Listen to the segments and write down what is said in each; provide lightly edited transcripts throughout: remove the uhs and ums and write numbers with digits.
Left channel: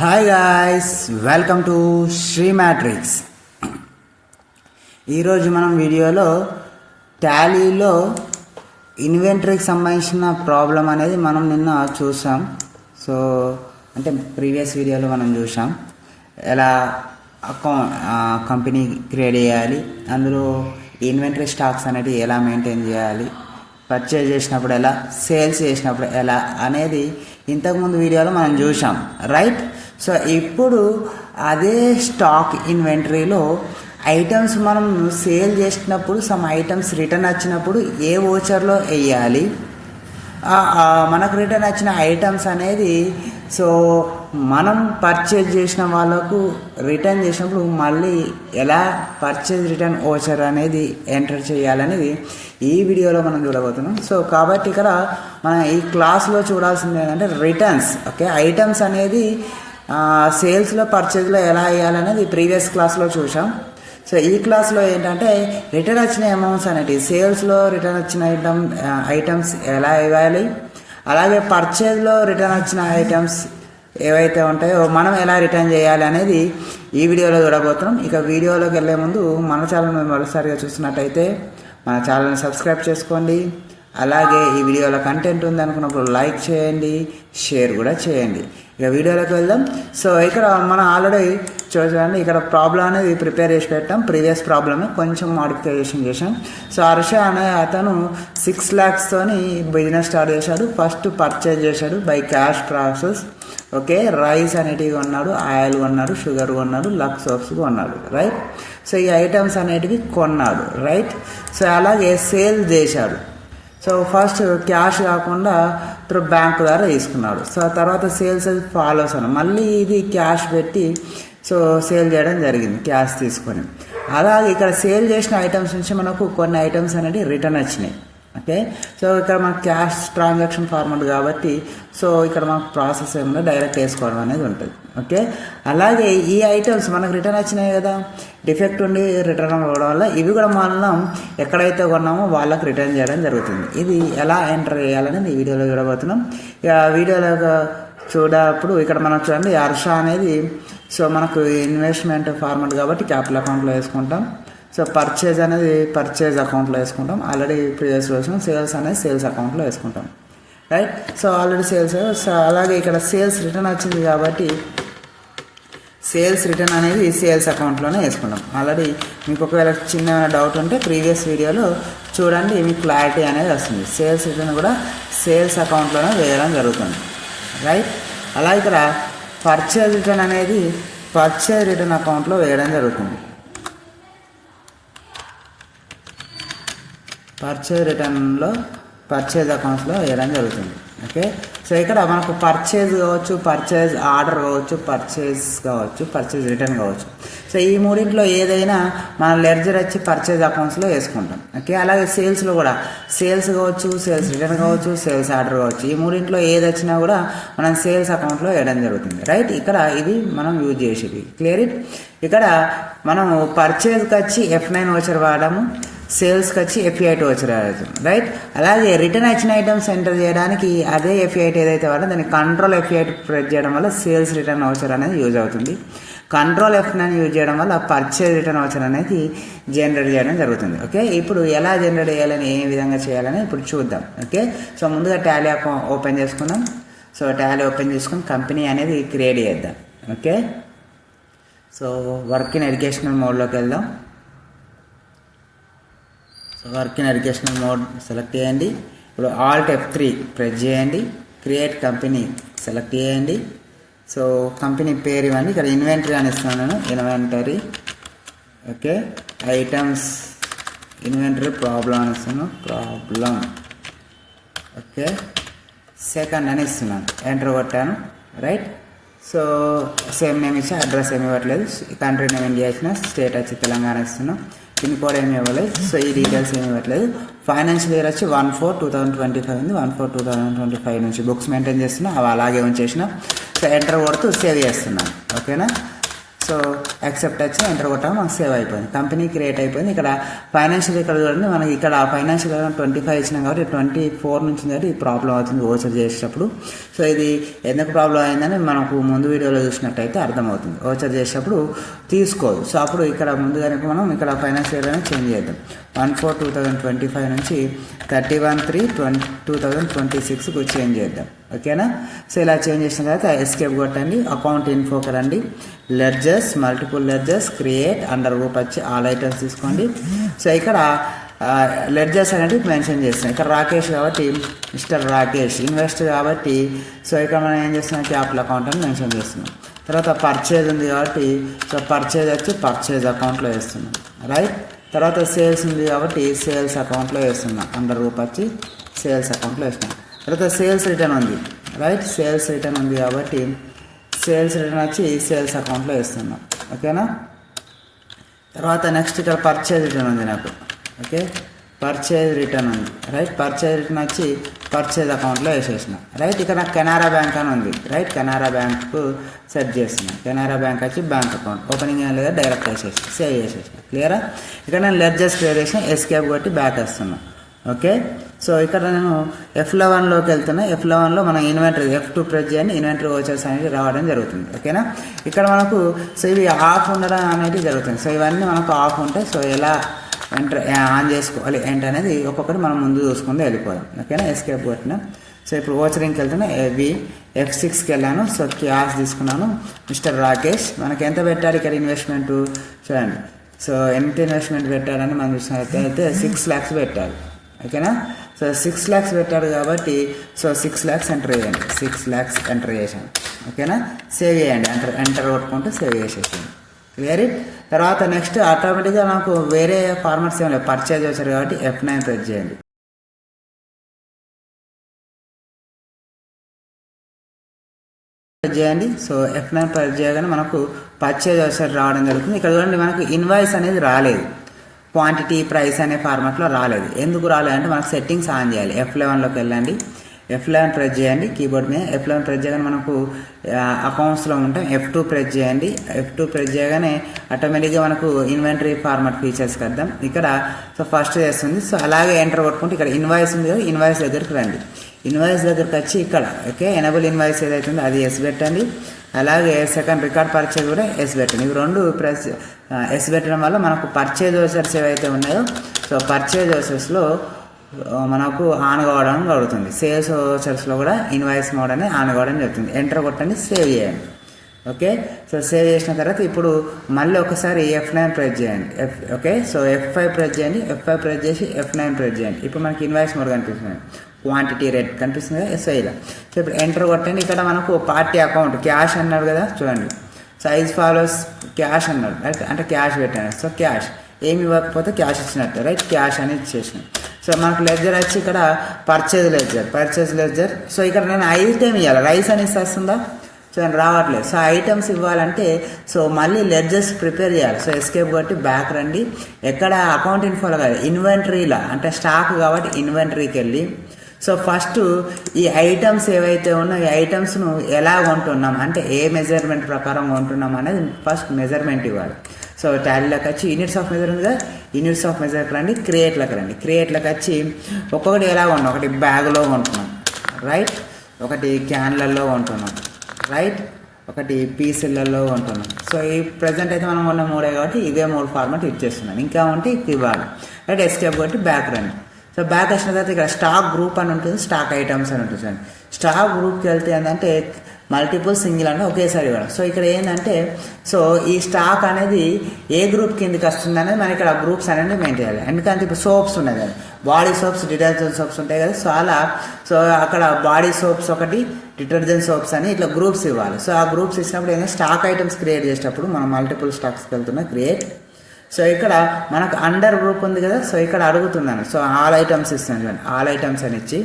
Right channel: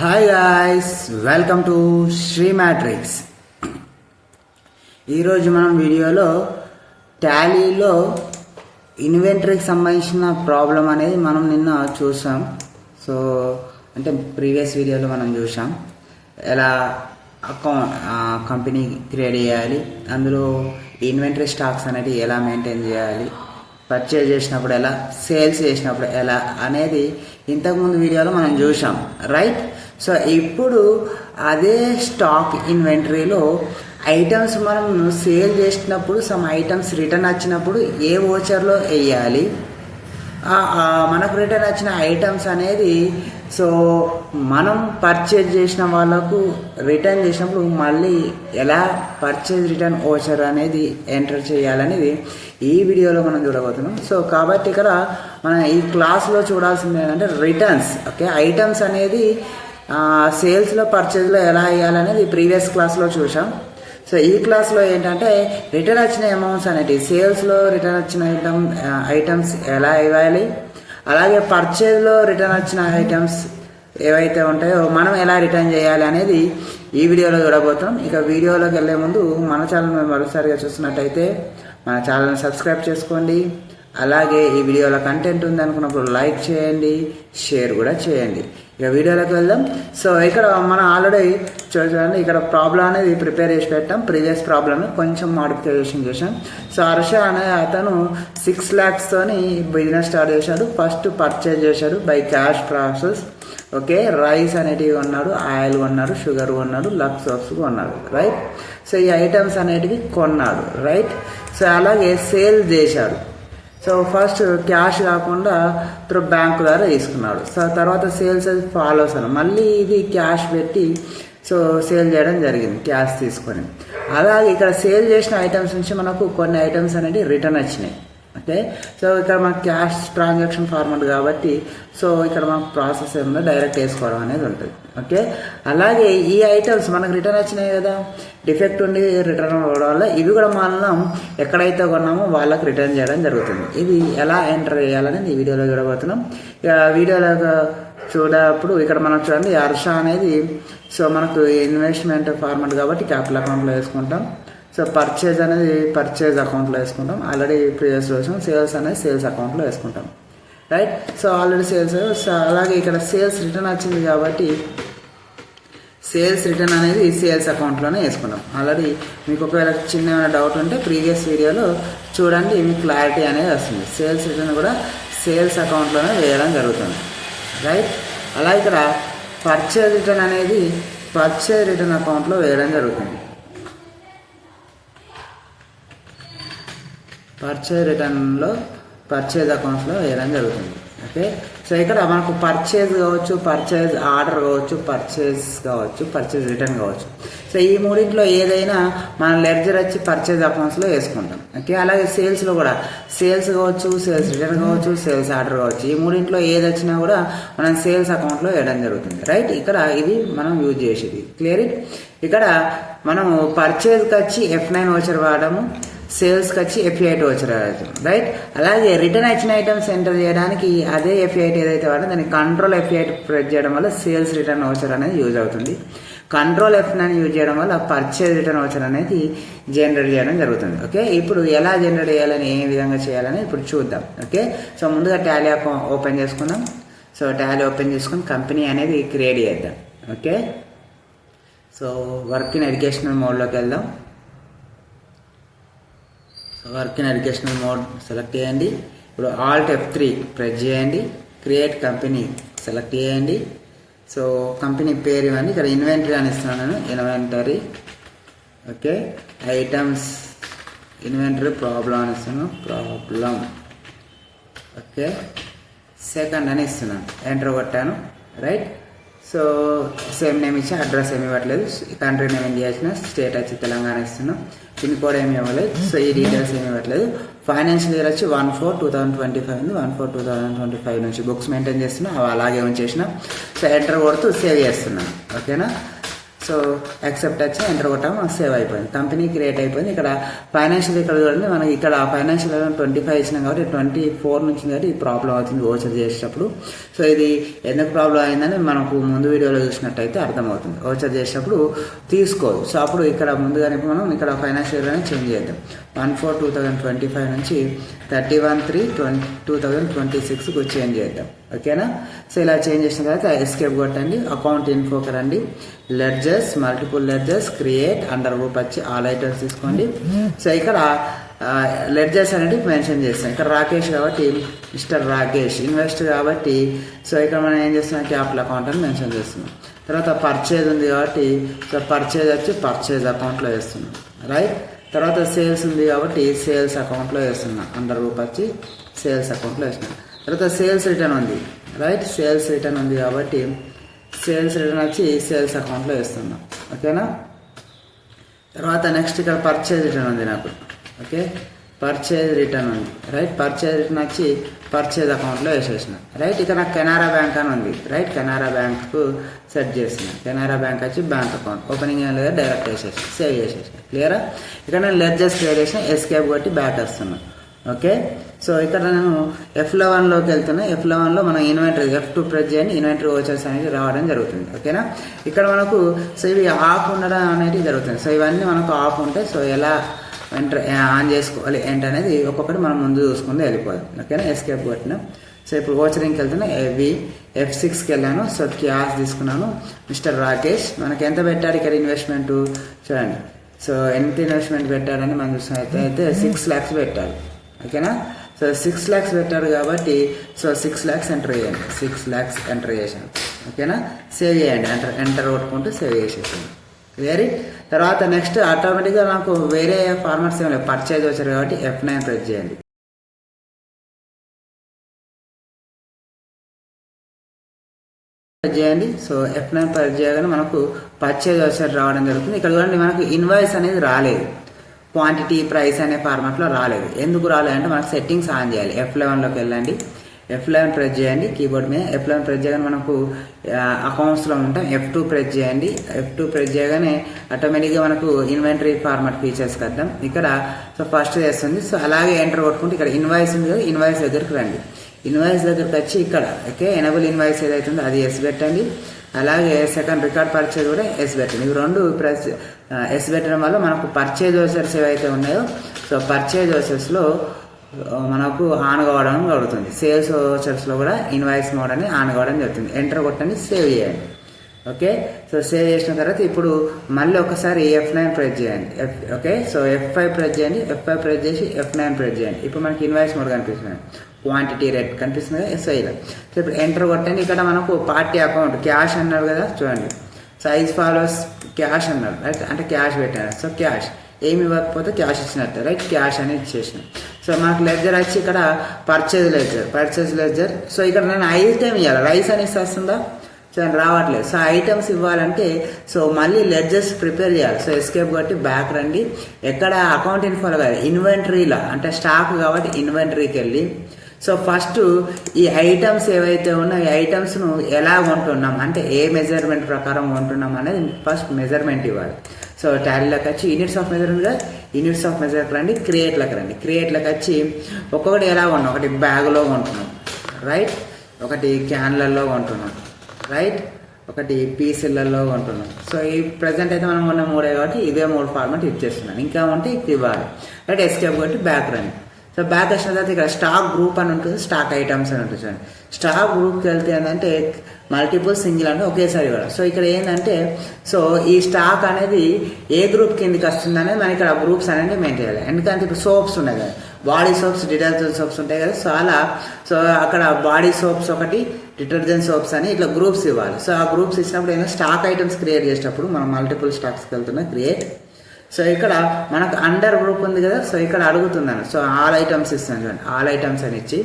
Hi guys, welcome to Sri Matrix. ఈరోజు మనం వీడియోలో టాలీలో ఇన్వెంటరీకి సంబంధించిన ప్రాబ్లం అనేది మనం నిన్న చూసాం. సో అంటే ప్రీవియస్ వీడియోలో మనం చూసాం ఎలా కంపెనీ క్రియేట్ చేయాలి, అందులో ఇన్వెంటరీ స్టాక్స్ అనేవి ఎలా మెయింటైన్ చేయాలి, పర్చేజ్ చేసినప్పుడు ఎలా, సేల్స్ చేసినప్పుడు ఎలా అనేది ఇంతకుముందు వీడియోలో మనం చూసాం, రైట్? సో ఇప్పుడు అదే స్టాక్ ఇన్వెంటరీలో ఐటమ్స్ మనం సేల్ చేసినప్పుడు సమ్ ఐటమ్స్ రిటర్న్ వచ్చినప్పుడు ఏ ఓచర్లో వేయాలి, మనకు రిటర్న్ వచ్చిన ఐటమ్స్ అనేది సో మనం పర్చేజ్ చేసిన వాళ్ళకు రిటర్న్ చేసినప్పుడు మళ్ళీ ఎలా పర్చేజ్ రిటర్న్ ఓచర్ అనేది ఎంటర్ చేయాలనేది ఈ వీడియోలో మనం చూడబోతున్నాం. సో కాబట్టి ఇక్కడ మనం ఈ క్లాస్లో చూడాల్సింది ఏంటంటే రిటర్న్స్. ఓకే, ఐటమ్స్ అనేది సేల్స్లో పర్చేజ్లో ఎలా వేయాలనేది ప్రీవియస్ క్లాస్లో చూసాం. సో ఈ క్లాస్లో ఏంటంటే రిటర్న్ వచ్చిన అమౌంట్స్ అనేవి సేల్స్లో రిటర్న్ వచ్చిన ఐటమ్స్ ఎలా ఇవ్వాలి, అలాగే పర్చేజ్లో రిటర్న్ వచ్చిన ఐటమ్స్ ఏవైతే ఉంటాయో మనం ఎలా రిటర్న్ చేయాలి అనేది ఈ వీడియోలో చూడబోతాం. ఇక వీడియోలోకి వెళ్ళే ముందు మన ఛానల్ని మరోసారిగా చూస్తున్నట్టయితే మన ఛానల్ని సబ్స్క్రైబ్ చేసుకోండి. అలాగే ఈ వీడియోలో కంటెంట్ ఉందనుకున్నప్పుడు లైక్ చేయండి, షేర్ కూడా చేయండి. ఇక వీడియోలోకి వెళ్దాం. సో ఇక్కడ మనం ఆల్రెడీ చూడండి, ఇక్కడ ప్రాబ్లం అనేది ప్రిపేర్ చేసి పెట్టాం. ప్రీవియస్ ప్రాబ్లమ్ కొంచెం మాడిఫికేషన్ చేశాం. సో హర్ష అనే అతను 6 lakhs బిజినెస్ స్టార్ట్ చేశాడు. ఫస్ట్ పర్చేజ్ చేశాడు by cash process. Okay, rice అనేటివి కొన్నాడు, ఆయిల్ కొన్నాడు, షుగర్ కొన్నాడు, లక్స్ సోప్స్ కొన్నాడు, రైట్? సో ఈ ఐటమ్స్ అనేటివి కొన్నాడు, రైట్? సో అలాగే సేల్ చేశాడు. సో ఫస్ట్ క్యాష్ కాకుండా త్రూ బ్యాంక్ ద్వారా తీసుకున్నాడు. సో తర్వాత సేల్స్ ఫాలోస్ అని మళ్ళీ ఇది క్యాష్ పెట్టి సో సేల్ చేయడం జరిగింది క్యాష్ తీసుకొని. అలాగే ఇక్కడ సేల్ చేసిన ఐటమ్స్ నుంచి మనకు కొన్ని ఐటమ్స్ అనేవి రిటర్న్ వచ్చినాయి. ఓకే, సో ఇక్కడ మనకు క్యాష్ ట్రాన్సాక్షన్ ఫార్మాట్ కాబట్టి సో ఇక్కడ మనకు ప్రాసెస్ ఏమన్నా డైరెక్ట్ వేసుకోవడం అనేది ఉంటుంది. ఓకే, అలాగే ఈ ఐటమ్స్ మనకు రిటర్న్ వచ్చినాయి కదా, డిఫెక్ట్ ఉండి రిటర్న్ అవ్వడం వల్ల ఇవి కూడా మనం ఎక్కడైతే కొన్నామో వాళ్ళకి రిటర్న్ చేయడం జరుగుతుంది. ఇది ఎలా ఎంటర్ చేయాలని ఈ వీడియోలో చూడబోతున్నాం. ఇక వీడియోలో చూడప్పుడు ఇక్కడ మనం చూడండి, హర్ష అనేది సో మనకు ఇన్వెస్ట్మెంట్ ఫార్మాట్ కాబట్టి క్యాపిటల్ అకౌంట్లో వేసుకుంటాం. సో పర్చేజ్ అనేది పర్చేజ్ అకౌంట్లో వేసుకుంటాం. ఆల్రెడీ ప్రీవియస్ వేసుకుంటాం. సేల్స్ అనేది సేల్స్ అకౌంట్లో వేసుకుంటాం, right? So already sales. So అలాగే ఇక్కడ సేల్స్ రిటర్న్ వచ్చింది కాబట్టి సేల్స్ రిటర్న్ అనేది సేల్స్ అకౌంట్లోనే వేసుకున్నాం. ఆల్రెడీ మీకు ఒకవేళ చిన్న డౌట్ ఉంటే ప్రీవియస్ వీడియోలో చూడండి, మీకు క్లారిటీ అనేది వస్తుంది. సేల్స్ రిటర్న్ కూడా సేల్స్ అకౌంట్లోనే వేయడం జరుగుతుంది, రైట్? అలాగే ఇక్కడ పర్చేజ్ రిటర్న్ అనేది పర్చేజ్ రిటర్న్ అకౌంట్లో వేయడం జరుగుతుంది. పర్చేజ్ రిటర్న్లో పర్చేజ్ అకౌంట్స్లో వేయడం జరుగుతుంది. ఓకే, సో ఇక్కడ మనకు పర్చేజ్ కావచ్చు, పర్చేజ్ ఆర్డర్ కావచ్చు, పర్చేజ్ కావచ్చు, పర్చేజ్ రిటర్న్ కావచ్చు. సో ఈ మూడింట్లో ఏదైనా మన లెడ్జర్ వచ్చి పర్చేజ్ అకౌంట్స్లో వేసుకుంటాం. ఓకే, అలాగే సేల్స్లో కూడా సేల్స్ కావచ్చు, సేల్స్ రిటర్న్ కావచ్చు, సేల్స్ ఆర్డర్ కావచ్చు. ఈ మూడింట్లో ఏది వచ్చినా కూడా మనం సేల్స్ అకౌంట్లో వేయడం జరుగుతుంది, రైట్? ఇక్కడ ఇది మనం యూజ్ చేసేది. Clear it? ఇక్కడ మనము పర్చేజ్కి వచ్చి F9 వోచర్ వాడము, సేల్స్కి వచ్చి F8 వోచర్ వాడచ్చు, రైట్? అలాగే రిటర్న్ వచ్చిన ఐటమ్స్ ఎంటర్ చేయడానికి అదే F8 ఏదైతే వాడో దాన్ని కంట్రోల్ F8 ప్రెస్ చేయడం వల్ల సేల్స్ రిటర్న్ వోచర్ అనేది యూజ్ అవుతుంది. కంట్రోల్ F9 యూజ్ చేయడం వల్ల పర్చేజ్ రిటర్న్ వోచర్ అనేది జనరేట్ చేయడం జరుగుతుంది. ఓకే, ఇప్పుడు ఎలా జనరేట్ చేయాలని, ఏ విధంగా చేయాలని ఇప్పుడు చూద్దాం. ఓకే, సో ముందుగా టాలీ అకౌంట్ ఓపెన్ చేసుకుందాం. సో టాలీ ఓపెన్ చేసుకుని కంపెనీ అనేది క్రియేట్ చేద్దాం. Okay, so work in educational మోడ్లోకి వెళ్దాం. So work in educational mode select చేయండి. ఇప్పుడు ఆల్ట్ F3 ప్రెస్ చేయండి. క్రియేట్ కంపెనీ సెలెక్ట్ చేయండి. సో కంపెనీ పేరు ఇవ్వండి. ఇక్కడ ఇన్వెంటరీ అని ఇస్తున్నాను నేను, inventory. Okay, items inventory problem అని ఇస్తున్నాను, ప్రాబ్లం. ఓకే, సెకండ్ అని ఇస్తున్నాను, ఎంటర్ కొట్టాను, రైట్? సో సేమ్ నేమ్ ఇచ్చి అడ్రస్ ఏమి ఇవ్వట్లేదు. కంట్రీ నేమ్ ఇండియా ఇచ్చిన, స్టేట్ వచ్చి తెలంగాణ ఇస్తున్నాం, పిన్ కోడ్ ఏమి ఇవ్వలేదు. సో ఈ డీటెయిల్స్ ఏమి ఇవ్వట్లేదు. ఫైనాన్షియల్ ఇయర్ వచ్చి 1/4/2025 ఉంది. 1/4/2025 నుంచి బుక్స్ మెయింటైన్ చేస్తున్నా, అవి అలాగే ఉంచేసిన. సో ఎంటర్ కొడుతూ సేవ్ చేస్తున్నాను. ఓకేనా? సో యాక్సెప్ట్ వచ్చి ఎంటర్ కొట్టాము, మనకు సేవ్ అయిపోయింది, కంపెనీ క్రియేట్ అయిపోయింది. ఇక్కడ ఫైనాన్షియల్ ఇక్కడ చూడండి, మనకి ఇక్కడ ఫైనాన్షియల్ 25 ఇచ్చినాం కాబట్టి 24 నుంచి కాబట్టి ఈ ప్రాబ్లం అవుతుంది ఓచర్ చేసేటప్పుడు. సో ఇది ఎందుకు ప్రాబ్లం అయిందని మనకు ముందు వీడియోలో చూసినట్టయితే అర్థమవుతుంది. ఓచర్ చేసేటప్పుడు తీసుకోవు. సో అప్పుడు ఇక్కడ ముందుగానే మనం ఇక్కడ ఫైనాన్షియల్ అనేది చేంజ్ చేద్దాం. 1/4/2025 నుంచి 31/3/2026కు చేంజ్ చేద్దాం. ఓకేనా? సో ఇలా చేంజ్ చేసిన తర్వాత ఎస్కేప్ కొట్టండి, అకౌంట్ ఇన్ఫోకి రండి, ledgers, multiple ledgers, create, under group వచ్చి ఆల్ ఐటమ్స్ తీసుకోండి. సో ఇక్కడ లెడ్జర్స్ అనేది మెన్షన్ చేస్తాం. ఇక్కడ రాకేష్ కాబట్టి మిస్టర్ రాకేష్, ఇన్వెస్టర్ కాబట్టి సో ఇక్కడ మనం ఏం చేస్తున్నాం, క్యాపిటల్ అకౌంట్ అని మెన్షన్ చేస్తున్నాం. తర్వాత పర్చేజ్ ఉంది కాబట్టి సో పర్చేజ్ వచ్చి పర్చేజ్ అకౌంట్లో వేస్తున్నాం, రైట్. తర్వాత సేల్స్ ఉంది కాబట్టి సేల్స్ అకౌంట్లో వేస్తున్నాం, అండర్ గ్రూప్ వచ్చి సేల్స్ అకౌంట్లో వేస్తున్నాం. తర్వాత సేల్స్ రిటర్న్ ఉంది, రైట్. సేల్స్ రిటర్న్ ఉంది కాబట్టి సేల్స్ రిటర్న్ వచ్చి సేల్స్ అకౌంట్లో వేస్తున్నాం. ఓకేనా? తర్వాత నెక్స్ట్ ఇక్కడ పర్చేజ్ రిటర్న్ ఉంది నాకు. ఓకే, పర్చేజ్ రిటర్న్ ఉంది, రైట్. పర్చేజ్ రిటర్న్ వచ్చి పర్చేజ్ అకౌంట్లో వేసేసిన, రైట్. ఇక్కడ నాకు కెనరా బ్యాంక్ అని ఉంది, రైట్. కెనరా బ్యాంకు సెట్ చేస్తున్నా. కెనరా బ్యాంక్ వచ్చి బ్యాంక్ అకౌంట్ ఓపెనింగ్ ఏం లేదా డైరెక్ట్ వేసేసిన, సేవ్ చేసేసిన. క్లియరా? ఇక్కడ నేను లెడ్జర్స్ క్రియేట్ చేసిన, ఎస్కేప్ కొట్టి బ్యాక్ వస్తున్నాను. ఓకే, సో ఇక్కడ నేను F11లోకి వెళ్తున్నా. F11లో మనం ఇన్వెంటరీ F2 ప్రెస్ చేయండి, ఇన్వెంటరీ ఓచర్స్ అనేది రావడం జరుగుతుంది. ఓకేనా? ఇక్కడ మనకు సో ఇవి ఆఫ్ ఉండడం అనేది జరుగుతుంది. సో ఇవన్నీ మనకు ఆఫ్ ఉంటాయి. సో ఎలా ఎంటర్ ఆన్ చేసుకోవాలి ఏంటి అనేది ఒక్కొక్కటి మనం ముందు చూసుకుంటూ వెళ్ళిపోదాం. ఓకేనా? ఎస్కేప్ కొట్టినా. సో ఇప్పుడు ఓచరింగ్కి వెళ్తున్నా, F6కి వెళ్ళాను. సో క్యాష్ తీసుకున్నాను, మిస్టర్ రాకేష్. మనకి ఎంత పెట్టారు ఇక్కడ ఇన్వెస్ట్మెంట్ చూడండి. సో ఎంత ఇన్వెస్ట్మెంట్ పెట్టారని మనం చూసినట్లయితే 6 lakhs పెట్టారు. ఓకేనా? సో 6 lakhs పెట్టారు కాబట్టి సో 6 lakhs ఎంటర్ చేయండి, 6 lakhs ఎంటర్ చేసాను. ఓకేనా? సేవ్ చేయండి, ఎంటర్ కొట్టుకుంటూ సేవ్ చేసేసాను. Clear it. తర్వాత నెక్స్ట్ ఆటోమేటిక్గా నాకు వేరే ఫార్మాట్స్ ఏమి లేవు, పర్చేజ్ వచ్చారు కాబట్టి F9 ప్రెస్ చేయండి. చేయండి. సో F9 ప్రెస్ చేయగానే మనకు పర్చేజ్ వచ్చారు రావడం జరుగుతుంది. ఇక్కడ చూడండి మనకు ఇన్వాయిస్ అనేది రాలేదు, క్వాంటిటీ ప్రైస్ అనే ఫార్మాట్లో రాలేదు. ఎందుకు రాలేదంటే మనకు సెట్టింగ్స్ ఆన్ చేయాలి. F11లోకి వెళ్ళండి, F11 ప్రెస్ చేయండి కీబోర్డ్ మీద. F11 ప్రెస్ చేయగానే మనకు అకౌంట్స్లో ఉంటాం. F2 ప్రెస్ చేయండి. F2 ప్రెస్ చేయగానే ఆటోమేటిక్గా మనకు ఇన్వెంటరీ ఫార్మాట్ ఫీచర్స్కి వద్దాం. ఇక్కడ సో ఫస్ట్ చేస్తుంది. సో అలాగే ఎంటర్ కొట్టుకుంటే ఇక్కడ ఇన్వాయిస్ ఉంది కదా, ఇన్వాయిస్ దగ్గరికి రండి. ఇన్వాయిస్ దగ్గరికి వచ్చి ఇక్కడ ఓకే ఎనేబుల్ ఇన్వాయిస్ ఏదైతే ఉందో అది ఎస్ పెట్టండి. అలాగే సెకండ్ రికార్డ్ పర్చేజ్ కూడా ఎస్ పెట్టండి. ఇవి రెండు ప్రెస్ ఎస్ పెట్టడం వల్ల మనకు పర్చేజ్ ఓచర్స్ ఏవైతే ఉన్నాయో సో పర్చేజ్ ఓచర్స్లో మనకు ఆన్ కావడం జరుగుతుంది. సేల్స్ ఓచర్స్లో కూడా ఇన్వాయిస్ మోడ్ అని ఆన్ కావడం జరుగుతుంది. ఎంటర్ కొట్టండి, సేవ్ చేయండి. ఓకే, సో సేవ్ చేసిన తర్వాత ఇప్పుడు మళ్ళీ ఒకసారి F9 ప్రెస్ చేయండి. ఓకే, సో F5 ప్రెస్ చేయండి. F5 ప్రెస్ చేసి F9 ప్రెస్ చేయండి. ఇప్పుడు మనకి ఇన్వాయిస్ మోడ్ కనిపిస్తుంది, క్వాంటిటీ రేట్ కనిపిస్తుంది కదా SIలో. సో ఇప్పుడు ఎంటర్ కొట్టండి. ఇక్కడ మనకు పార్టీ అకౌంట్ క్యాష్ అన్నారు కదా, చూడండి సైజ్ ఫాలోస్ క్యాష్ అన్నారు, రైట్. అంటే క్యాష్ పెట్టాను. సో క్యాష్ ఏమి ఇవ్వకపోతే క్యాష్ ఇచ్చినట్టు, రైట్. క్యాష్ అనేది ఇచ్చేసిన. సో మనకు లెడ్జర్ వచ్చి ఇక్కడ పర్చేజ్ లెడ్జర్. సో ఇక్కడ నేను ఐటమ్ ఇవ్వాలి, రైస్ అనేసి వస్తుందా, సో రావట్లేదు. సో ఐటమ్స్ ఇవ్వాలంటే సో మళ్ళీ లెడ్జర్స్ ప్రిపేర్ చేయాలి. సో ఎస్కేప్ కొట్టి బ్యాక్ రండి. ఎక్కడ అకౌంట్ ఇన్ఫోలో కాదు, ఇన్వెంటరీలా అంటే స్టాక్ కాబట్టి ఇన్వెంటరీకి వెళ్ళి సో ఫస్ట్ ఈ ఐటమ్స్ ఏవైతే ఉన్నాయో ఈ ఐటమ్స్ను ఎలా కొంటున్నాం అంటే ఏ మెజర్మెంట్ ప్రకారం కొంటున్నాం అనేది ఫస్ట్ మెజర్మెంట్ ఇవ్వాలి. సో టాలీలోకి వచ్చి units of measurement, units of measurement రండి, క్రియేట్లోకి రండి. క్రియేట్లోకి వచ్చి ఒక్కొక్కటి ఎలా ఉన్నాం, ఒకటి బ్యాగ్లో కొంటున్నాం, రైట్. ఒకటి క్యాన్లలో కొంటున్నాం, రైట్. ఒకటి పీసులలో ఉంటున్నాం. సో ఈ ప్రజెంట్ అయితే మనం ఉన్న 3 కాబట్టి ఇదే 3 ఫార్మాట్ యూజ్ చేస్తున్నాను. ఇంకా ఉంటే ఇవ్వాలి, రైట్. ఎస్కేప్ కాబట్టి బ్యాక్ రండి. సో బ్యాక్ వచ్చిన తర్వాత ఇక్కడ స్టాక్ గ్రూప్ అని ఉంటుంది, స్టాక్ ఐటమ్స్ అని ఉంటుంది. చూడండి స్టాక్ గ్రూప్కి వెళ్తే ఏంటంటే మల్టిపుల్ సింగిల్ అంటే ఒకేసారి ఇవ్వాలి. సో ఇక్కడ ఏంటంటే సో ఈ స్టాక్ అనేది ఏ గ్రూప్ కిందకి వస్తుంది అనేది మనం ఇక్కడ గ్రూప్స్ అనేది మెయింటైన్ చేయాలి. ఎందుకంటే ఇప్పుడు సోప్స్ ఉన్నాయి కదా, బాడీ సోప్స్, డిటర్జెంట్ సోప్స్ ఉంటాయి కదా. సో అలా సో అక్కడ బాడీ సోప్స్ ఒకటి, డిటర్జెంట్ సోప్స్ అని ఇట్లా గ్రూప్స్ ఇవ్వాలి. సో ఆ గ్రూప్స్ ఇచ్చినప్పుడు ఏంటంటే స్టాక్ ఐటమ్స్ క్రియేట్ చేసేటప్పుడు మనం మల్టిపుల్ స్టాక్స్కి వెళ్తున్నా క్రియేట్. సో ఇక్కడ మనకు అండర్ గ్రూప్ ఉంది కదా, సో ఇక్కడ అడుగుతున్నాను. సో ఆల్ ఐటమ్స్ ఇస్తున్నాను, ఆల్ ఐటమ్స్ అని ఇచ్చి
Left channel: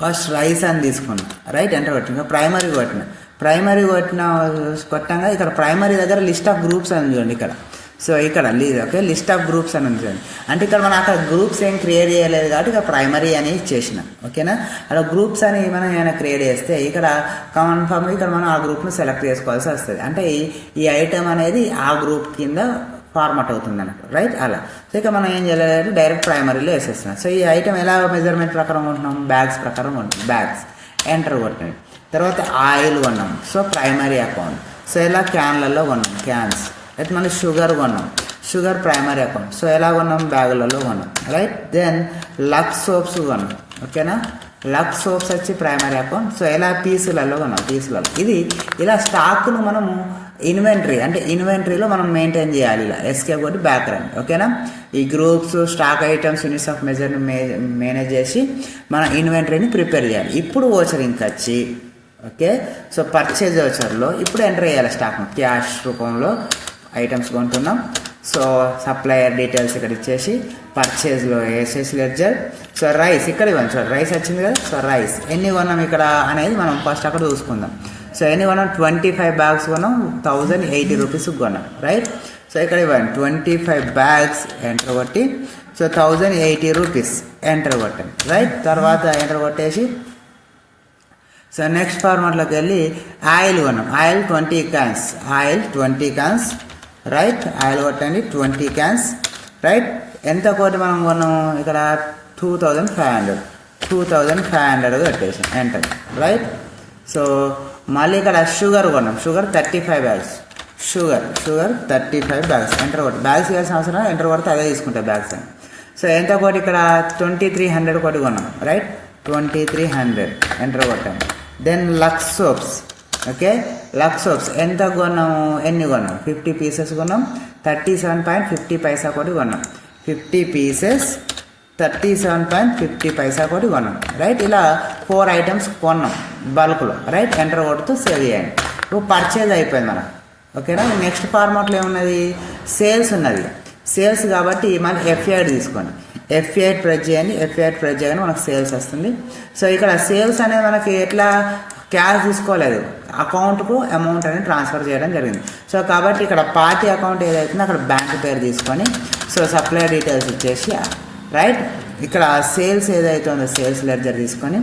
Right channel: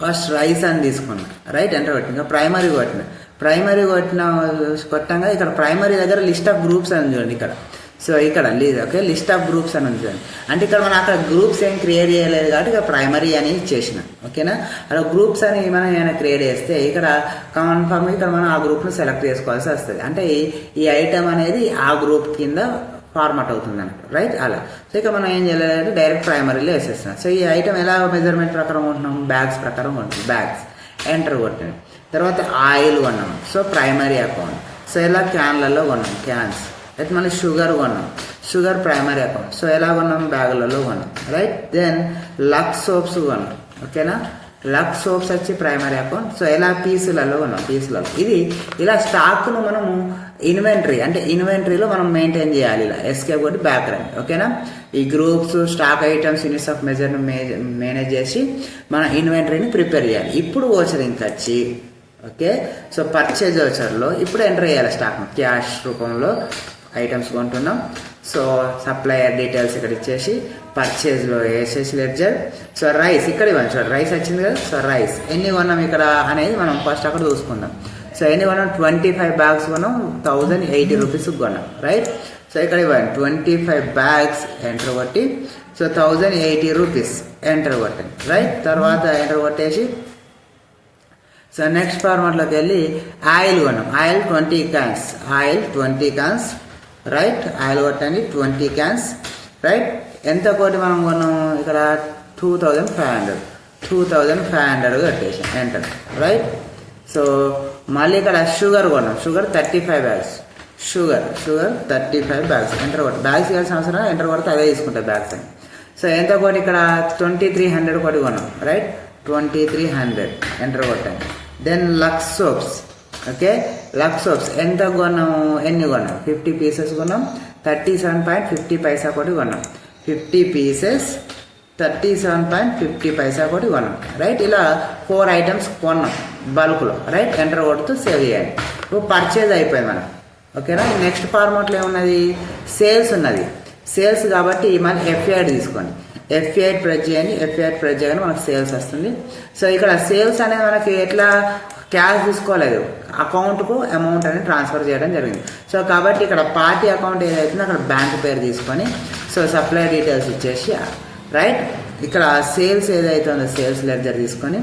ఫస్ట్ రైస్ అని తీసుకున్నాం, రైట్. ఎంటర్ కొట్టిన ప్రైమరీ కొట్టిన కొట్టంగా ఇక్కడ ప్రైమరీ దగ్గర లిస్ట్ ఆఫ్ గ్రూప్స్ అని చూడండి ఇక్కడ. సో ఇక్కడ ఓకే లిస్ట్ ఆఫ్ గ్రూప్స్ అని ఉంటుంది. అంటే ఇక్కడ మనం అక్కడ గ్రూప్స్ ఏం క్రియేట్ చేయలేదు కాబట్టి ఇక్కడ ప్రైమరీ అని ఇచ్చేసిన. ఓకేనా, అక్కడ గ్రూప్స్ అని మనం ఏమైనా క్రియేట్ చేస్తే ఇక్కడ కన్ఫర్మ్ ఇక్కడ మనం ఆ గ్రూప్ను సెలెక్ట్ చేసుకోవాల్సి వస్తుంది. అంటే ఈ ఐటమ్ అనేది ఆ గ్రూప్ కింద ఫార్మాట్ అవుతుంది అన్నట్టు, రైట్. అలా సో ఇక్కడ మనం ఏం చేయాలంటే డైరెక్ట్ ప్రైమరీలో వేసేస్తున్నాం. సో ఈ ఐటమ్ ఎలా మెజర్మెంట్ ప్రకారం ఉంటున్నాం, బ్యాగ్స్ ప్రకారం ఉంటుంది. బ్యాగ్స్ ఎంటర్ కొట్టండి. తర్వాత ఆయిల్ కొన్నాం, సో ప్రైమరీ అకౌంట్. సో ఎలా క్యాన్లలో కొన్నాం, క్యాన్స్. అయితే మళ్ళీ షుగర్ కొన్నాం, షుగర్ ప్రైమరీ అకౌంట్. సో ఎలా కొన్నాం, బ్యాగులలో కొన్నాం, రైట్. దెన్ లక్స్ సోప్స్ కొన్నాం. ఓకేనా, లక్స్ సోప్స్ వచ్చి ప్రైమరీ అకౌంట్. సో ఎలా పీసులలో కొన్నాం, పీసులలో. ఇది ఇలా స్టాక్ను మనం ఇన్వెంటరీ అంటే ఇన్వెంటరీలో మనం మెయింటైన్ చేయాలి. ఇలా ఎస్కేప్ కొట్టి బ్యాక్ రండి. ఓకేనా, ఈ groups stock items units of మెజర్ని మేనేజ్ చేసి మన ఇన్వెంటరీని ప్రిపేర్ చేయాలి. ఇప్పుడు ఓచర్ ఇంకా వచ్చి ఓకే. సో పర్చేజ్ ఓచర్లో ఇప్పుడు ఎంటర్ చేయాలి స్టాక్ను. క్యాష్ రూపంలో ఐటమ్స్ కొంటున్నాం. సో సప్లయర్ డీటెయిల్స్ ఇక్కడ ఇచ్చేసి పర్చేజ్లో వేసేసి లెడ్జర్. సో రైస్ ఇక్కడ ఇవ్వండి. సో రైస్ వచ్చింది కదా. సో రైస్ ఎన్ని కొన్నాం ఇక్కడ అనేది మనం ఫస్ట్ అక్కడ చూసుకుందాం. సో ఎన్ని కొన్నాం, 25 బ్యాగ్స్ కొన్నాం, 1080 రూపీస్ కొన్నాం, రైట్. సో ఇక్కడ ఇవ్వండి 25 బ్యాగ్స్ ఎంటర్ కొట్టి సో 1080 రూపీస్ ఎంటర్ కొట్టండి, రైట్. తర్వాత ఎంటర్ కొట్టేసి సో నెక్స్ట్ ఫార్మాట్లోకి వెళ్ళి ఆయిల్ కొన్నాం. Oil 20 cans, oil 20 cans, right. Oil కొట్టండి 20 క్యాన్స్, రైట్. ఎంత కోటి మనం కొన్నాము ఇక్కడ 2500 కట్టేసి ఎంటర్, రైట్. సో మళ్ళీ ఇక్కడ షుగర్ కొన్నాం. Sugar 35 bags, sugar 35 bags enter కొట్టి. బ్యాగ్స్ ఇవ్వాల్సిన అవసరం ఎంటర్ కొడితే అదే తీసుకుంటాయి బ్యాగ్స్ అని. సో ఎంత కోటి ఇక్కడ 2300 కోటి కొన్నాం, రైట్. 2300 ఎంటర్ కొట్టాం. Then Lux soaps, okay. Lux soaps ఎంత కొన్నాము, ఎన్ని కొన్నాం, 50 పీసెస్ కొన్నాం, 37.50 పైసా కోటి కొన్నాం. 50 పీసెస్ 37.50 పైసా కోటి కొన్నాం, రైట్. ఇలా 4 ఐటమ్స్ కొన్నాం బల్క్లో, రైట్. ఎంటర్ కొడుతూ సేవ్ చేయండి. ఇప్పుడు పర్చేజ్ అయిపోయింది మనం, ఓకేనా. నెక్స్ట్ ఫార్మాట్లో ఏమున్నది, సేల్స్ ఉన్నది. సేల్స్ కాబట్టి మనం F8 తీసుకోండి. F8 ప్రెస్ చేయండి. F8 ప్రెస్ చేయగానే మనకు సేల్స్ వస్తుంది. సో ఇక్కడ సేల్స్ అనేది మనకి ఎట్లా క్యాష్ తీసుకోలేదు, అకౌంట్కు అమౌంట్ అనేది ట్రాన్స్ఫర్ చేయడం జరిగింది. సో కాబట్టి ఇక్కడ పార్టీ అకౌంట్ ఏదైతుందో అక్కడ బ్యాంక్ పేరు తీసుకొని సో సప్లై డీటెయిల్స్ ఇచ్చేసి, రైట్. ఇక్కడ సేల్స్ ఏదైతే ఉందో సేల్స్ లెడ్జర్ తీసుకొని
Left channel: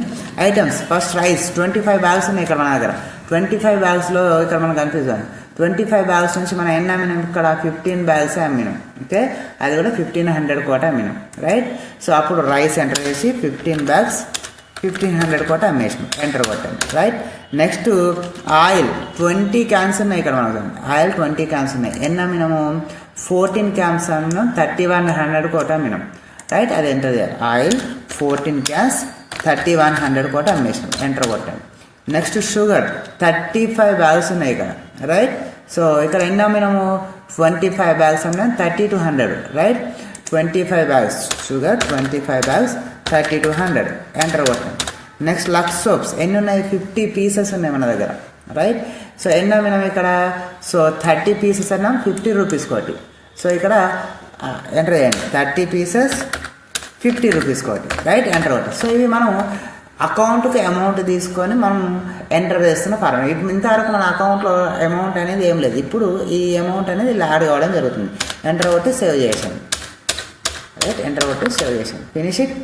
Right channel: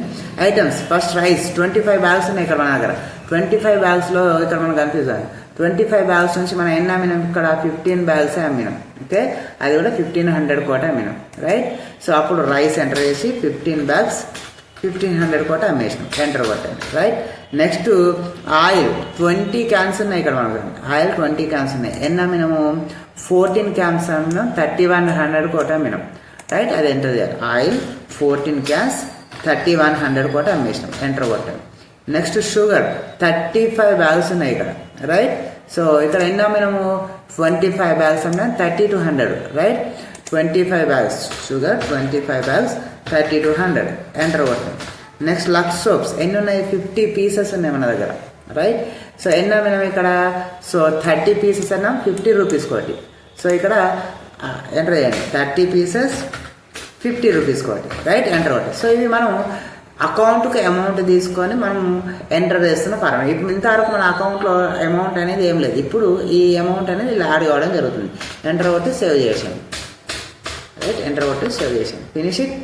ఐటమ్స్ ఫస్ట్ రైస్ 25 బ్యాగ్స్ ఉన్నాయి ఇక్కడ మన దగ్గర. 25 బ్యాగ్స్లో ఇక్కడ మనం కనిపిస్తాం 25 బ్యాగ్స్ నుంచి మనం ఎన్ని అమ్మినాం, ఇక్కడ 15 బ్యాగ్స్ అమ్మినాం, ఓకే. అది కూడా 1500 కోట అమ్మినాం, రైట్. సో అప్పుడు రైస్ ఎంటర్ చేసి 15 బ్యాగ్స్ 1500 కోట అమ్మేసినాం, ఎంటర్ కొట్టండి, రైట్. నెక్స్ట్ ఆయిల్ 20 క్యాన్స్ ఉన్నాయి ఇక్కడ మనకు. ఆయిల్ 20 క్యాన్స్ ఉన్నాయి. ఎన్ని అమ్మినాము, 14 క్యాన్స్ అమ్మినాం, 3100 కోట అమ్మినాం, రైట్. అది ఎంటర్ చేయాలి. ఆయిల్ 14 క్యాన్స్ 3100 కోట అమ్మేసినాం, ఎంటర్ కొట్టండి. నెక్స్ట్ షుగర్ 35 బ్యాగ్స్ ఉన్నాయి ఇక్కడ, రైట్. సో ఇక్కడ ఎన్ని అమ్మినాము, 25 bags అమ్మినాం, 3200, right. 25 bags sugar 25 bags 3200 enter కొట్టండి. నెక్స్ట్ లక్స్ సోప్స్ ఎన్ని ఉన్నాయి, 50 పీసెస్ ఉన్నాయి మన దగ్గర, రైట్. సో ఎన్ని అమ్మినాం ఇక్కడ, సో 30 పీసెస్ అన్నాం, 50 రూపీస్ కోటి. సో ఇక్కడ ఎంటర్ చేయండి, 30 పీసెస్ 50 రూపీస్ కోటి, రైట్. ఎంటర్ కొట్టండి. సో ఇవి మనం అకౌంట్కి అమౌంట్ తీసుకొని మనం ఎంటర్ చేస్తున్న ఫార్మాట్. ఇప్పుడు ఇంతవరకు మన అకౌంట్లో అమౌంట్ అనేది ఏం లేదు. ఇప్పుడు ఈ అమౌంట్ అనేది ఇలా యాడ్ కావడం జరుగుతుంది. ఎంటర్ కొట్టి సేవ్ చేసాను, రైట్. ఎంటర్ కొట్టి సేవ్ చేసాను, ఫినిష్ ఇట్.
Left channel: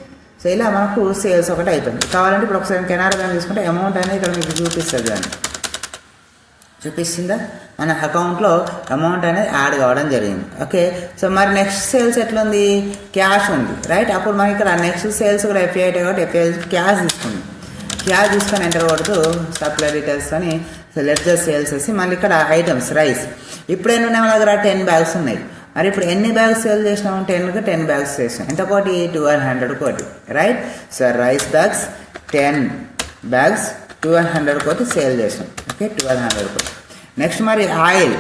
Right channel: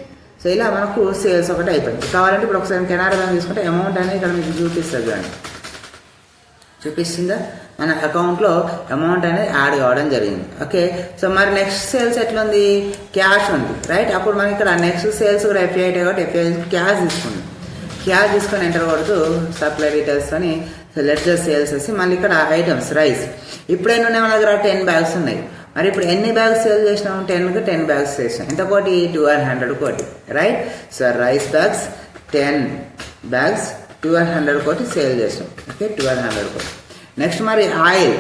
సో ఇలా మనకు సేల్స్ ఒకటి అయిపోయింది. కావాలంటే ఇప్పుడు ఒకసారి కెనరా బ్యాంక్ తీసుకుంటే అమౌంట్ అనేది ఇక్కడ మీకు చూపిస్తుంది, దాన్ని చూపిస్తుందా, మన అకౌంట్లో అమౌంట్ అనేది యాడ్ కావడం జరిగింది, ఓకే. సో మరి నెక్స్ట్ సేల్స్ ఎట్లా ఉంది, క్యాష్ ఉంది, రైట్. అప్పుడు మనకి ఇక్కడ నెక్స్ట్ సేల్స్ కూడా F8 కాబట్టి F8 క్యాష్ తీసుకుంది. క్యాష్ తీసుకొని ఎంటర్ కొడుతూ సప్లై డీటెయిల్స్ అని లెడ్జర్ సేల్స్ వేసి మళ్ళీ ఇక్కడ ఐటమ్స్ రైస్ ఇప్పుడైనా ఉన్నాయి మన దగ్గర 10 బ్యాగ్స్ ఉన్నాయి. మరి ఇప్పుడు ఎన్ని బ్యాగ్స్ సేల్ చేసినాము, 10 బ్యాగ్స్ చేసినాం. ఎంత కోటి, 1200 కోటి, right. So rice bags 10 bags 1200 కోటి సేల్ చేసినాం, ఓకే. 1200 కోటి. నెక్స్ట్ మరి ఆయిల్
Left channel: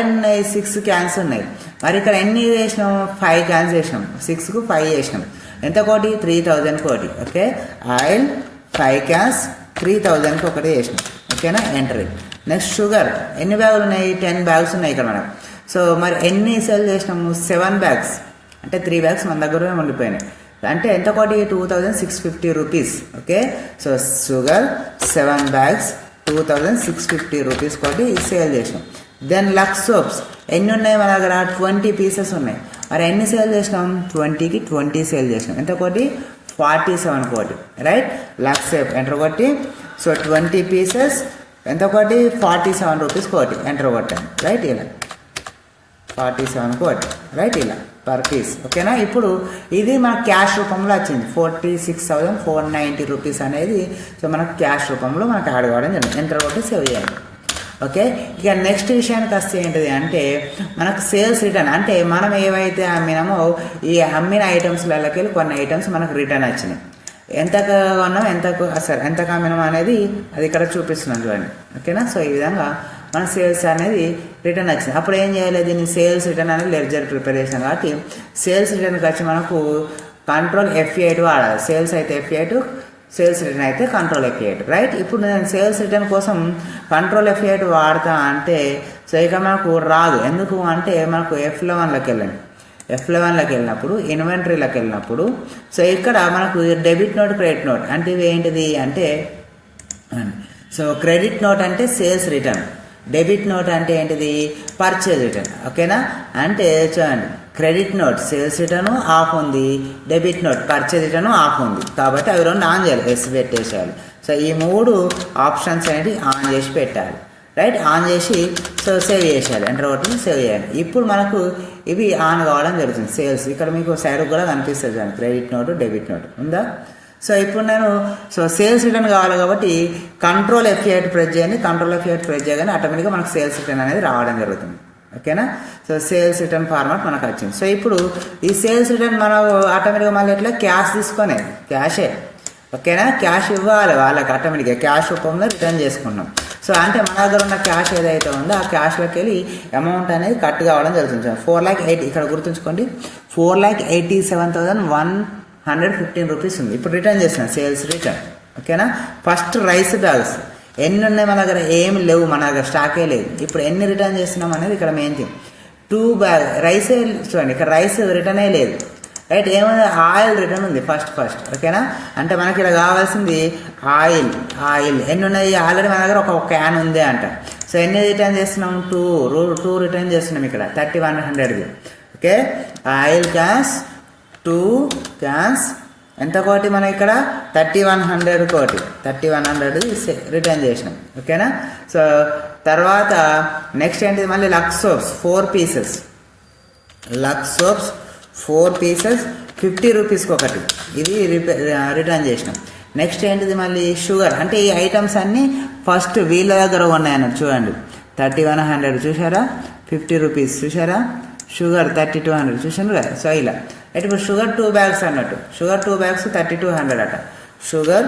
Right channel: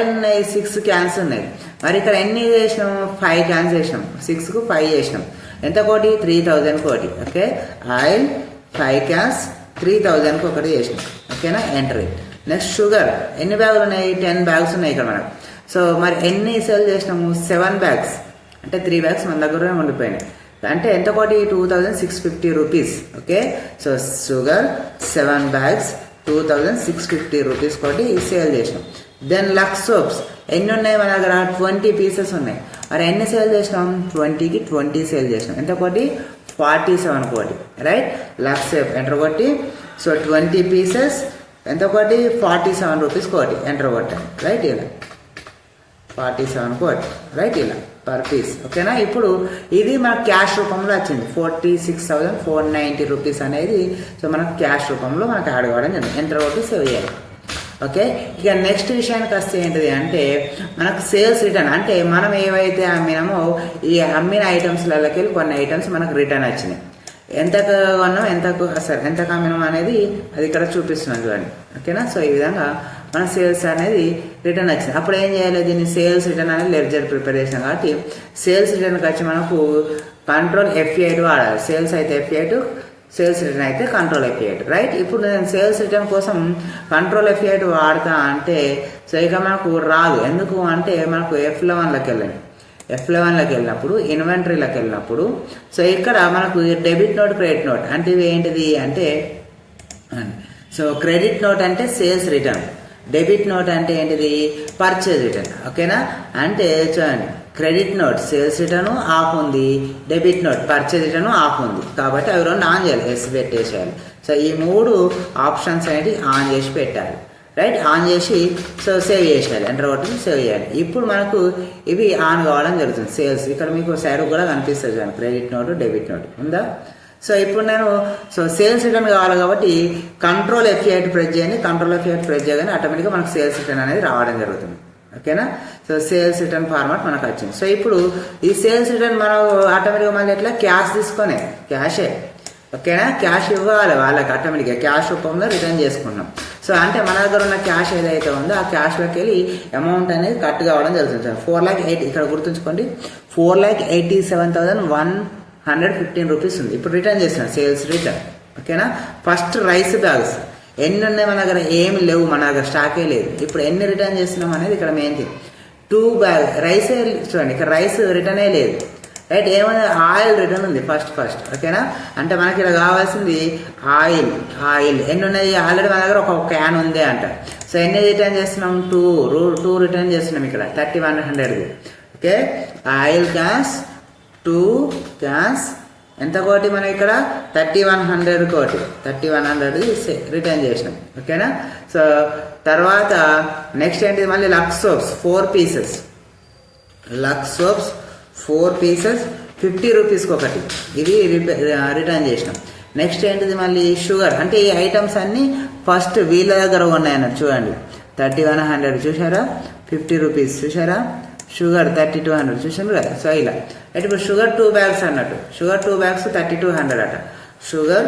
ఎన్ని ఉన్నాయి, 6 క్యాన్స్ ఉన్నాయి. మరి ఇక్కడ ఎన్ని చేసినాం, 5 క్యాన్స్ చేసినాం, 6కు 5 చేసినాం. ఎంత కోటి, 3000 కోటి, ఓకే. ఆయిల్ 5 క్యాన్స్ 3000కి ఒకటి చేసినాం, ఓకేనా. ఎంటర్. నెక్స్ట్ షుగర్ ఎన్ని బ్యాగులు ఉన్నాయి, 10 బ్యాగ్స్ ఉన్నాయి ఇక్కడ మనం. సో మరి ఎన్ని సేల్ చేసినాము, 7 బ్యాగ్స్, అంటే 3 బ్యాగ్స్ మన దగ్గర ఉండిపోయినాయి. అంటే ఎంత కోటి, 2650 rupees, okay. So sugar 7 bags 2650 rupees కోటి సేల్ చేసినాం. దెన్ లక్స్ సోప్స్ ఎన్ని ఉన్నాయి మన దగ్గర 20 పీసెస్ ఉన్నాయి. మరి ఎన్ని సేల్ చేసినాం? 20కి 20 సేల్ చేసినాం. ఎంత కోటి? 47 కోటి. రైట్, లక్ష ఎంటర్ కొట్టి సో 20 పీసెస్ ఎంత కోటి? 47 రూపీస్ కోటి ఎంటర్ కొట్టాను. రైట్, ఇలా 47 కోటి. రైట్, ఇలా పర్ పీస్. ఓకేనా? ఇప్పుడు ఇది మనకు క్యాష్ రూపంలో వచ్చింది 46,490 రూపీస్ అనేది. సో మనకు క్యాష్ రూపంలో మనకు యాడ్ కావడం జరిగింది. ఎంటర్ కొట్టి సేవ్ చేయాలి. ఓకే, ఇక నెక్స్ట్ విషయానికి వస్తే ఏంటిది అంటే మనకు సేల్స్ రిటర్న్. అంటే మనం ఏవైతే అమ్మినామో ఈ అమ్మిన ఐటమ్స్లకి వెళ్ళి కొన్ని ఐటమ్స్ మనకు రిటర్న్ వచ్చినాయి. ఎంత కొన్నాం, ఎంత అమ్మినాం అనేది అది ఇక్కడ చూపిస్తున్నాం చూడండి. ఓకేనా? సో ఈ విధంగా మన సేల్స్ అనేది రిటర్న్ వచ్చింది. అప్పుడు ఏం చేయాలి? దీన్ని సేల్స్ రిటర్న్ అనేది లెడ్జర్ ప్రిపేర్ చేసాం కాబట్టి సేల్స్ రిటర్న్కి వచ్చి మనకు కంట్రోల్ F8 వాడాలి. సేల్స్ అయితే F8, సేల్స్ రిటర్న్ అయితే కంట్రోల్ F8. రైట్, ఇప్పుడు నేను సేల్స్ రిటర్న్ కోసం కంట్రోల్ F8 వాడతా అంటే సో ఇక మనకు రాదు. ఎందుకు అంటే మనకు F11లోకి వెళ్ళండి. F11లోకి వెళ్ళినప్పుడు ఇన్వెంటరీలోకి వెళ్ళినప్పుడు సో ఇక్కడ మనకు డెబిట్ నోట్, క్రెడిట్ నోట్ అంటే ఇవి ఏంటిది అంటే సో క్రెడిట్ నోట్ అంటే సేల్స్ రిటర్న్, డెబిట్ నోట్ అంటే ఏంటిది? Purchase return. ఓకేనా? అంటే చూడండి, credit note sales return of ఉంది, debit note purchase return of ఉంది. కాబట్టి అవి రెండు ఆన్ చేయాలి, ఎస్ పెట్టేసేయాలి. సో ఈ 3 ఆప్షన్స్ అనేది ఆన్ చేసి పెట్టాలి. రైట్, ఆన్ చేసి సో సేవ్ చేసేయాలి. ఎంటర్ కొట్టి సేవ్ చేయాలి. ఇప్పుడు మనకు ఇవి ఆన్ కావడం జరుగుతుంది. సేల్స్ ఇక్కడ మీకు సైడ్ కూడా కనిపిస్తుంది, క్రెడిట్ నోట్, డెబిట్ నోట్ ఉందా? సో ఇప్పుడు నేను సో సేల్స్ రిటర్న్ కావాలి కాబట్టి కంట్రోల్ F8 ప్రెస్ చేయండి. కంట్రోల్ F8 ప్రెస్ చేయగానే ఆటోమేటిక్గా మనకు సేల్స్ రిటర్న్ అనేది రావడం జరుగుతుంది. ఓకేనా? సో సేల్స్ రిటర్న్ ఫార్మాట్ మనకు వచ్చింది. సో ఇప్పుడు ఈ సేల్స్ రిటర్న్ మనం ఆటోమేటిక్గా మళ్ళీ ఎట్లా క్యాష్ తీసుకొని క్యాషే. ఓకేనా? క్యాష్ ఇవ్వాలి వాళ్ళకి ఆటోమేటిక్గా క్యాష్ రూపంలో రిటర్న్ చేసుకున్నాం. సో అంటే మన దగ్గర ఉన్న క్యాష్ ఏదైతే ఉందో ఆ క్యాష్లోకి వెళ్ళి అమౌంట్ అనేది కట్ కావడం జరుగుతుంది. 4,80,000 ఇక్కడ గుర్తుంచుకోండి, 4,87,115 రూపీస్ ఉంది. ఇప్పుడు రిటర్న్ చేసిన సేల్స్ రిటర్న్. ఓకేనా? ఫస్ట్ రైస్ బ్యాగ్స్ ఎన్ని ఉన్నాయి మన దగ్గర? ఏమి లేవు, మన దగ్గర స్టాకే లేదు. ఇప్పుడు ఎన్ని రిటర్న్ చేస్తున్నాం అనేది ఇక్కడ మెయిన్ థింగ్. 2 బ్యాగ్ రైస్ చూడండి, ఇక్కడ రైస్ రిటర్నే లేదు. రైట్, ఏమైనా ఆయిల్ రిటర్న్ ఉంది ఫస్ట్. ఓకేనా? అంటే మనకి ఇలా కావాల్సింది ఆయిల్ ఎన్ని ఉన్నాయి? ఆల్రెడీ మన దగ్గర ఒక క్యాన్ ఉంది అంట. సో ఎన్ని రిటర్న్ చేస్తున్నాం? 2 రిటర్న్ చేస్తున్నాం ఇక్కడ 3,100. ఓకే, ఆయిల్ క్యాన్స్ 2 క్యాన్స్ ఎంత కోటి? మనం ఇక్కడ 3,100 కోటి, 3,100 రిటర్న్ చేసినాం. ఓకేనా? సో తర్వాత నెక్స్ట్ ఏంటిది? మళ్ళీ Lux soaps 4 pieces, Lux soaps 4 pieces 50 రూపీస్కి ఒకటి, ఇది రిటర్న్ చేసినాం. నెక్స్ట్ ఏంటిది? మళ్ళీ షుగర్. అంటే ఈ ఐటమ్స్ అన్నీ ఫస్ట్ వీళ్ళ దగ్గర ఉన్నాయన్నట్టు. చూడండి, 3,100 చూసారా, 50 రూపీస్ చూసారా, షుగర్ 3,200 చూసాను కదా. సో ఇలా అయితే ఇప్పుడు షుగర్ 2 బ్యాగ్స్ అన్నట్టు, షుగర్ 2 బ్యాగ్స్ 3,200 అట. షుగర్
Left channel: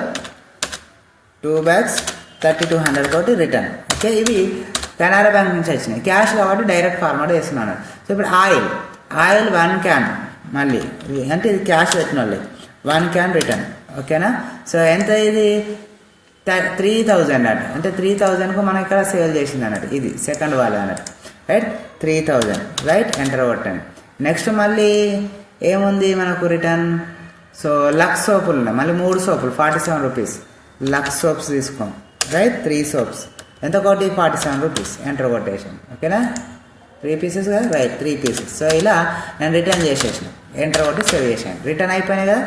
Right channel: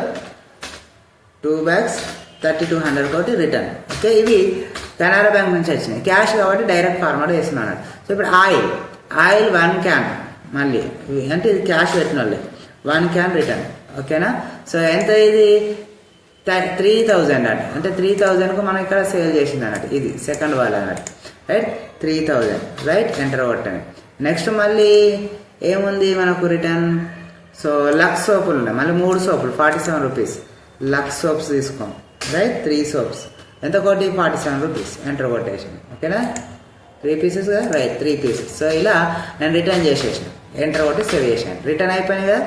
2 బ్యాగ్స్ 3,200 తోటి రిటర్న్. ఓకే, ఇవి కెనరా బ్యాంక్ నుంచి వచ్చినాయి, క్యాష్ కాబట్టి డైరెక్ట్ ఫార్మాట్ వేస్తున్నాను. సో ఇప్పుడు ఆయిల్ 1 క్యాన్ మళ్ళీ అంటే ఇది క్యాష్ పెట్టిన వాళ్ళే 1 క్యాన్ రిటర్న్. ఓకేనా? సో ఎంత ఇది? 3,000 అన్నట్టు. అంటే 3,000కు మనం ఇక్కడ సేల్ చేసింది అన్నట్టు. ఇది సెకండ్ వాళ్ళ అన్నట్టు. రైట్, 3,000. రైట్, ఎంటర్ కొట్టండి. నెక్స్ట్ మళ్ళీ ఏముంది మనకు రిటర్న్? సో లక్స్ సోపులు ఉన్నాయి, మళ్ళీ 3 సోపులు 47 రూపీస్. లక్స్ సోప్స్ తీసుకోండి. రైట్, 3 సోప్స్ ఎంత కోటి? 47 రూపీస్. ఎంటర్ కొట్టేసాను. ఓకేనా? 3 పీసెస్ కదా. Right, 3 pieces. సో ఇలా నేను రిటర్న్ చేసేసాను. ఎంటర్ కొట్టి సేవ్ చేశాను. రిటర్న్ అయిపోయినాయి కదా.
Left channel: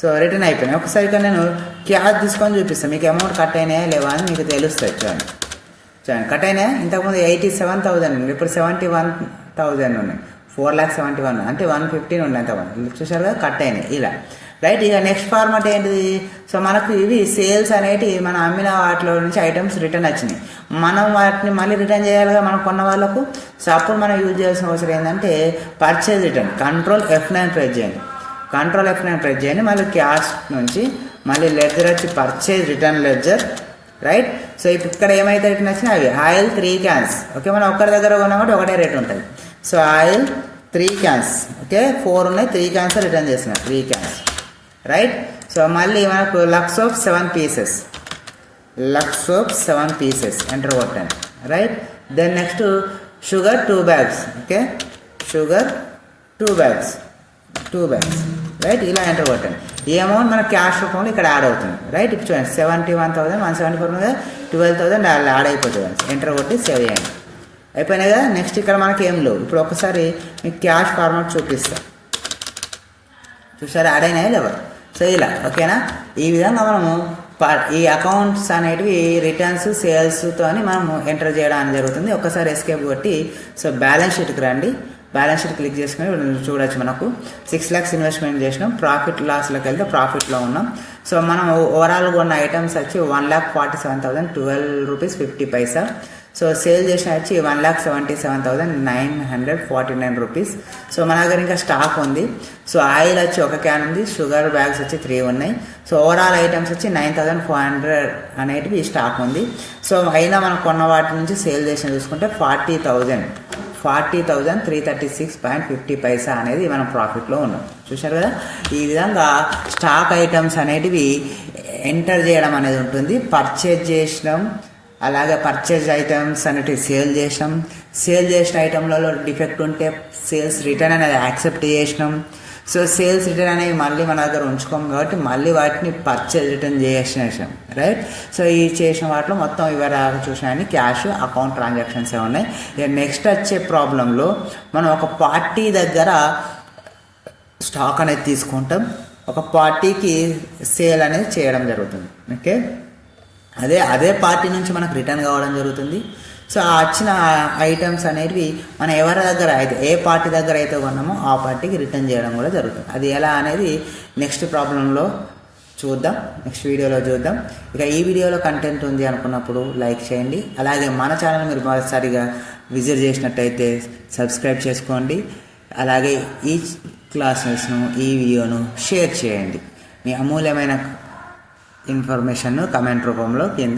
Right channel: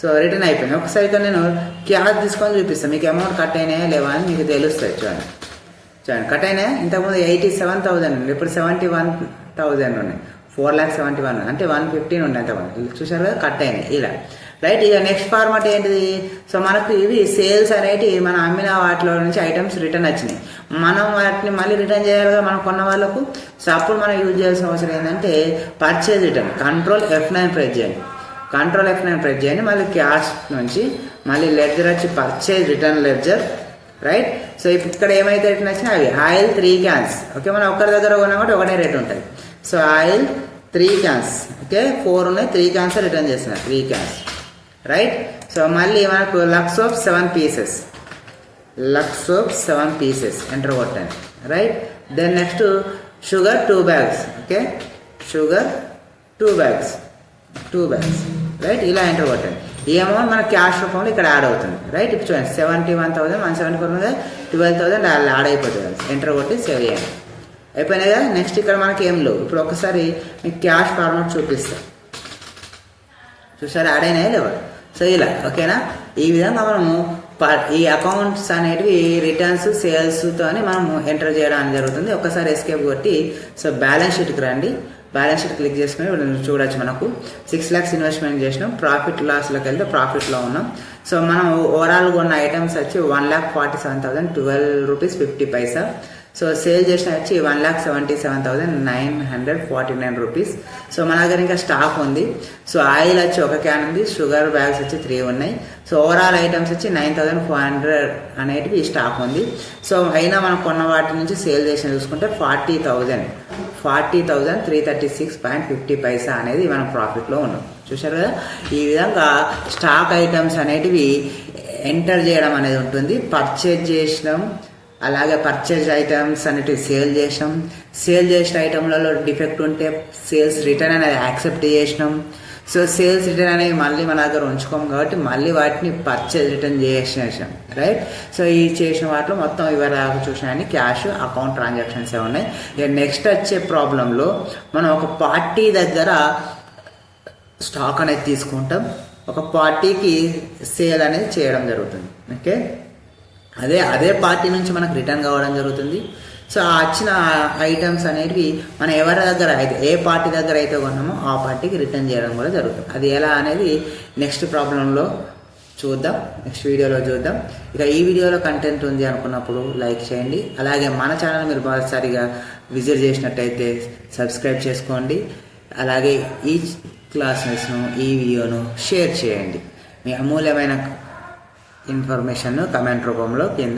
సో రిటర్న్ అయిపోయినాయి. ఒకసారి నేను క్యాష్ తీసుకొని చూపిస్తాను, మీకు అమౌంట్ కట్ అయినాయా లేవా అని మీకు తెలుస్తుంది. చూడండి కట్ అయినాయా? ఇంతకుముందు 87,000 ఉంది, ఇప్పుడు 71,000 ఉన్నాయి. 4,71,000 అంటే 115 ఉన్నాయి. అంతకుముందు చూసారు కదా, కట్ అయినాయి ఇలా. రైట్, ఇక నెక్స్ట్ ఫార్మాట్ ఏంటిది? సో మనకు ఇవి సేల్స్ అనేటివి మనం అమ్మిన వాటిలో నుంచి ఐటమ్స్ రిటర్న్ వచ్చినాయి. మనం వాటిని మళ్ళీ రిటర్న్ చేయాలిగా మనం కొన్న వాళ్ళకు. సో అప్పుడు మనం యూజ్ చేయాల్సిన అవసరం ఏంటంటే purchase return. Control F9 press చేయండి. కంట్రోల్ F9 ప్రెస్ చేయండి. మళ్ళీ క్యాష్ నుంచి మళ్ళీ లెడ్జర్ వచ్చి purchase return ledger. Right, so ఇప్పుడు ఇక్కడ ఏమైతే రిటర్న్ వచ్చినాయి అవి ఆయిల్ 3 క్యాన్స్. ఓకే, మనం ఒక్కరి దగ్గర కొన్నామంటే ఒకటే రేట్ ఉంటుంది. So oil 3 cans. ఓకే, 4 ఉన్నాయి, 3 క్యాన్స్ రిటర్న్ చేసిన 3 క్యాన్స్. రైట్, సో మళ్ళీ మనకు Lux soap 7 pieces, Lux soap 7 pieces enter కొట్టండి. Right, then next sugar 2 bags. Okay, sugar 2 bags. Right, ఇలా ఎంటర్ కొట్టండి. ఈ అమౌంట్ మన క్యాష్ రూపంలో ఇక్కడ యాడ్ అవుతుంది. రైట్, ఇప్పుడు చూడండి 71,174 12,000 యాడ్ అయిపోతుంది. ఎంటర్ కొట్టి సేవ్ చేయండి. అయిపోయినాయి కదా. నెక్స్ట్ ఇక్కడ మనకి ఏం లేవు. ఇప్పుడు ఒకసారి మీకు క్యాష్ ఫార్మాట్ చూపిస్తాం. చూసారా యాడ్ అయినాయి లేవా? సో ఇలా ఓకేనా. ఈ విధంగా మనము ఈ అకౌంట్స్ అనేటివి రిటర్న్స్ సేల్స్తో మనము ఎంటర్ చేయడం జరుగుతుంది. ఒకసారి ఎస్కేప్ కొట్టి సో బ్యాలెన్స్ షీట్కి రండి. బ్యాలెన్స్ షీట్ క్లిక్ చేసుకుని చూడొచ్చు. మనకు 6 lakhs ఇన్వెస్ట్మెంట్ చేసినాం. ప్రాఫిట్ లాస్లోకి వెళ్తే ప్రాఫిట్లో ఉన్నాం. సో మనం ఓవరాల్గా ఉన్న ఐటమ్స్ వచ్చి 1,47,012 రూపీస్ 50 పైసా. సో సేల్ చేసిన వచ్చి 1,77,949 రూపీస్. సో మన దగ్గర ఇంకా స్టాక్ ఉంది. సో ఆయిల్ వచ్చి 1 క్యాన్ ఉంది. షుగర్ బ్యాగ్స్ వచ్చి 3 ఉన్నాయి. సో ఓవరాల్ ఐటమ్స్ వచ్చి 9,400 అనేటివి స్టాక్ ఉంది. సో అయినా మనం కొన్న వాటి నుంచి సేల్ చేసిన చూసుకుంటే 40,336.50 పైసా అనేది మనం ప్రాఫిట్లో ఉన్నాం. చూశారు కదా. ఈ విధంగా స్టాక్ ఐటమ్స్ అనేటివి ఎంటర్ చేయడం అనేది ఉంటుంది. పర్చేజ్ చేసినాం, అలాగే పర్చేజ్ ఐటమ్స్ అనేటివి సేల్ చేసినాం. సేల్ చేసిన ఐటమ్లలో డిఫెక్ట్ ఉంటే సేల్స్ రిటర్న్ అనేది యాక్సెప్ట్ చేసినాం. సో సేల్స్ రిటర్న్ అనేవి మళ్ళీ మన దగ్గర ఉంచుకోం కాబట్టి మళ్ళీ వాటిని పర్చేజ్ రిటర్న్ చేసేసాం. రైట్. సో ఈ చేసిన వాటిలో మొత్తం వివరాలు చూసినాయని క్యాష్ అకౌంట్ ట్రాన్సాక్షన్స్ ఉన్నాయి. ఇక నెక్స్ట్ వచ్చే ప్రాబ్లంలో మనం ఒక పార్టీ దగ్గర స్టాక్ అనేది తీసుకుంటాం. ఒక పార్టీకి సేల్ అనేది చేయడం జరుగుతుంది. ఓకే. అదే పార్టీ నుంచి మనకు రిటర్న్ కావడం జరుగుతుంది. సో ఆ వచ్చిన ఐటమ్స్ అనేవి మనం ఎవరి దగ్గర అయితే ఏ పార్టీ దగ్గర అయితే కొన్నామో ఆ పార్టీకి రిటర్న్ చేయడం కూడా జరుగుతుంది. అది ఎలా అనేది నెక్స్ట్ ప్రాబ్లంలో చూద్దాం, నెక్స్ట్ వీడియోలో చూద్దాం. ఇక ఈ వీడియోలో కంటెంట్ ఉంది అనుకున్నప్పుడు లైక్ చేయండి. అలాగే మన ఛానల్ మీరు మొదటిసారిగా విజిట్ చేసినట్టయితే సబ్స్క్రైబ్ చేసుకోండి. అలాగే ఈ క్లాసెస్ను ఈ వీడియోను షేర్ చేయండి. మీ అమూల్యమైన ఇన్ఫర్మేషన్ను కమెంట్ రూపంలో కింద